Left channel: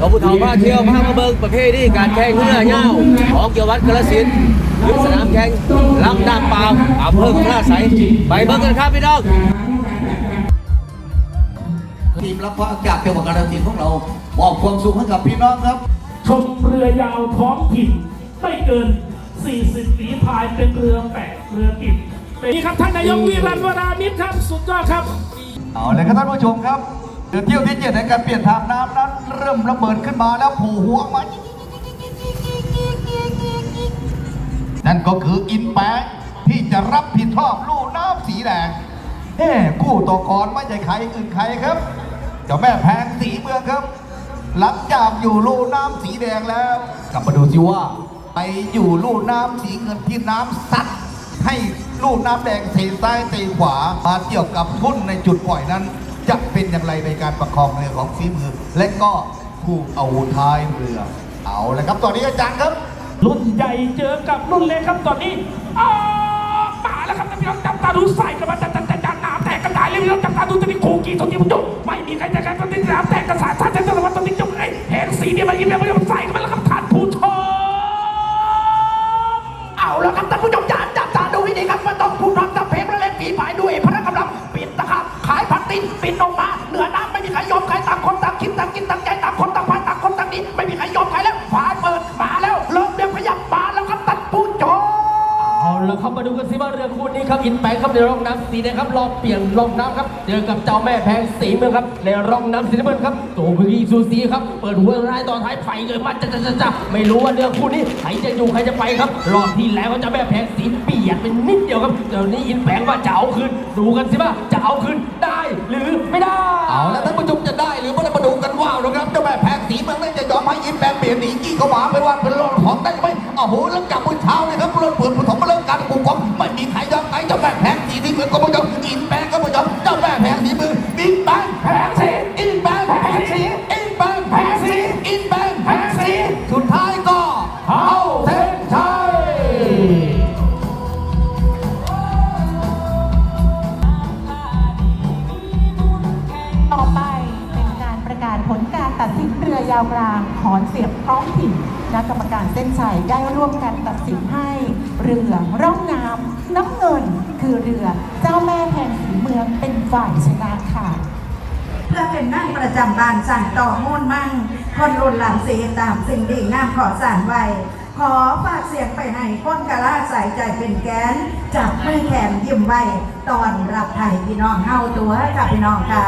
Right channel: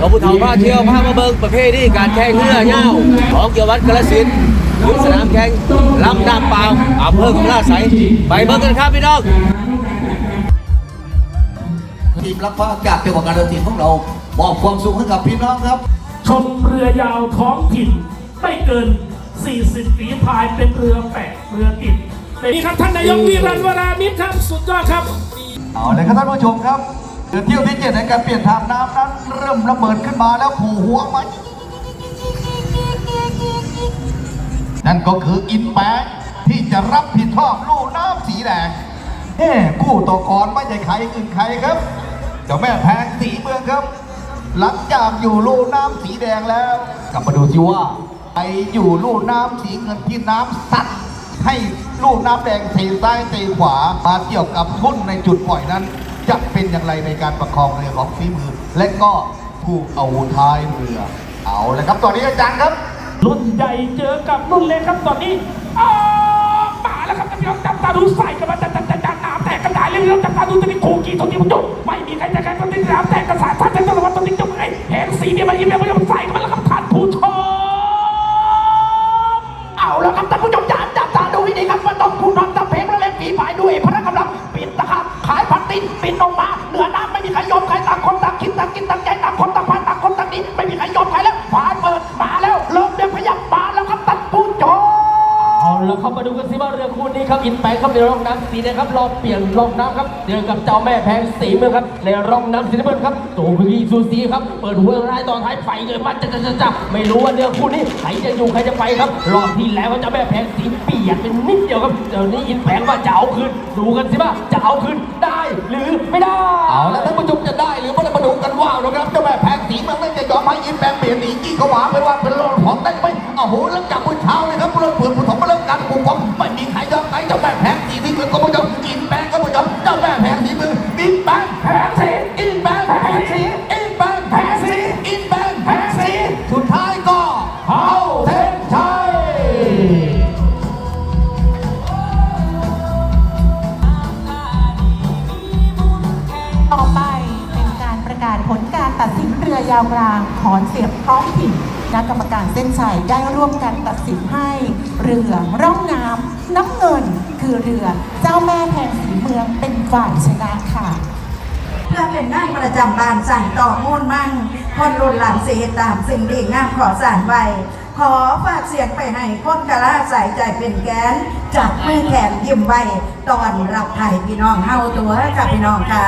เราผู้เฒ่าพาเที่ยวพามาเบิ่งประเภทนี้การแข่งเรือเง่าของเกี่ยววัดกระสินธุ์อยู่สนามแข่งลำน้ำเปล่าอำเภอกำลาไสยไปเบิ่งกันครับพี่น้องทีมรับพระจากจังหวัดกาฬสินธุ์ของเรามอบความสุขให้กับพี่น้องครับ ชมเรือยาวท้องถิ่นไม่เกิน 40 ฝีพายเป็นเรือแปะเรือติดเป็นนี่ครับท่านนายกวิรันวรามิตรครับ สุดยอดครับ เอาเลยครับท่านผู้ชมครับ เรือเที่ยวที่เจ็ดในการเปลี่ยนทางน้ำนั้นเริ่มระเบิดขึ้นมาแล้วโผล่หัวมานั่นก็คืออินแปะที่จะรับผิดชอบลูกน้ำสีแดงเอ้กู้ต่อกรไม่ใช่ใครอื่นใครครับเจ้าแม่แพงสีเมืองครับ หลังจากอยู่ลูกน้ำสีแดงแล้ว กลับมาดูสิว่าไปอยู่ลูกน้ำสีเงินที่น้ำซัดให้ลูกน้ำแดงเทซ้ายเทขวามาเกี่ยวกับทุ่นในจุดปล่อยนั้น จะเป็นอย่างไรในการประคองเรือของฝีมือ และก็ผู้เอาท้ายเรือ เอาลยครับตอนนี้อาจารย์ครับ รุ่นใหญ่เจอกับรุ่นเล็กครับตอนนี้อ้าวมาแล้วครับท่านผู้ชมจับตาดูใส่กันมาจับจับจับจับน้ำแตกกระจายเร็วๆจับตาดูตอนนี้คูกีตอนนี้มันจุกไม่มีใครจะใครตอนนี้น้ำแตกกระสานชาติจะตะวันตอนนี้จุกไอ้แหงสีเนี่ยมันยิ้มแล้วมันใส่กันมาแล้วครับท่านผู้ชมเอาละครับท่านผู้ชมจ๋าจับตาดูให้ดีครับว่าต้องผู้นำตับเพลงและเล่นฝีพายด้วยพละกำลัง ตินปิดลงมาเหนือน้ำไม่มีใครยอมใครต่างคนต่างคิดต่างกินต่างใจต่างคนต่างพายต่างคนต่างนี้ไม่มีใครยอมใครแล้วฝาเปิดมาแล้วเริ่มเดินขยับมาแล้วครับท่านผู้ชมเอาละครับมาดูกันสิว่าเรือคู่นี้ครับอินแปงครับในร่องน้ำสีแดงครับรอเปลี่ยนร่องน้ำครับเจอกับเจ้าแม่แพงสีเมืองครับในร่องน้ำสีน้ำเงินครับโจพีซูซีครับเปิดหัวร้ายต่อท้ายไฟเกิดมาจะจะจะจะไม่รู้ว่าเรือคู่นี้ใครจะอยู่ใครจะไปครับรอบที่แล้วเจ้าแม่แพงสีเปลี่ยนเป็นนิดเดียวครับเดี๋ยวนี้อินแปงว่าจะเอาคืนดูกันสิว่าจะเอาคืน โหหลังจากมื้อเช้าเลยครับเริ่มเปิดผู้ของเริ่มการปกครองไม่มีใครยอมใครเจ้าแม่แพงสีนี่คือก็ไม่ยอมอินแปงก็ไม่ยอมเจ้าแม่แพงสีมือบินแปงแพงสีอินแปงแพงสีอินแปงแพงสีอินแปงแพงสีสุดท้ายก็เอาเพชรไทยต่อไปเป็นการประกาศผลการตัดสินเรือยาวกลางขอนเสียบท้องถิ่น ณะกรรมการเส้นชัยได้ร่วมกันตัดสินให้ เรือร่องน้ำน้ำเงินคือเรือเจ้าแม่แห่งสีเมืองเป็นฝ่ายชนะค่ะเพื่อเป็นนั่งประจำบานสั่นต่อมูลมั่นคนรุ่นหลังเสียตามสิ่งดีงามขอสารไว้ขอฝากเสียงไปให้คนกะลาใส่ใจเป็นแกนจับมือแขนยิ้มไว้ตอนรับไทยพี่น้องเฮาตัวกับพี่น้องค่ะ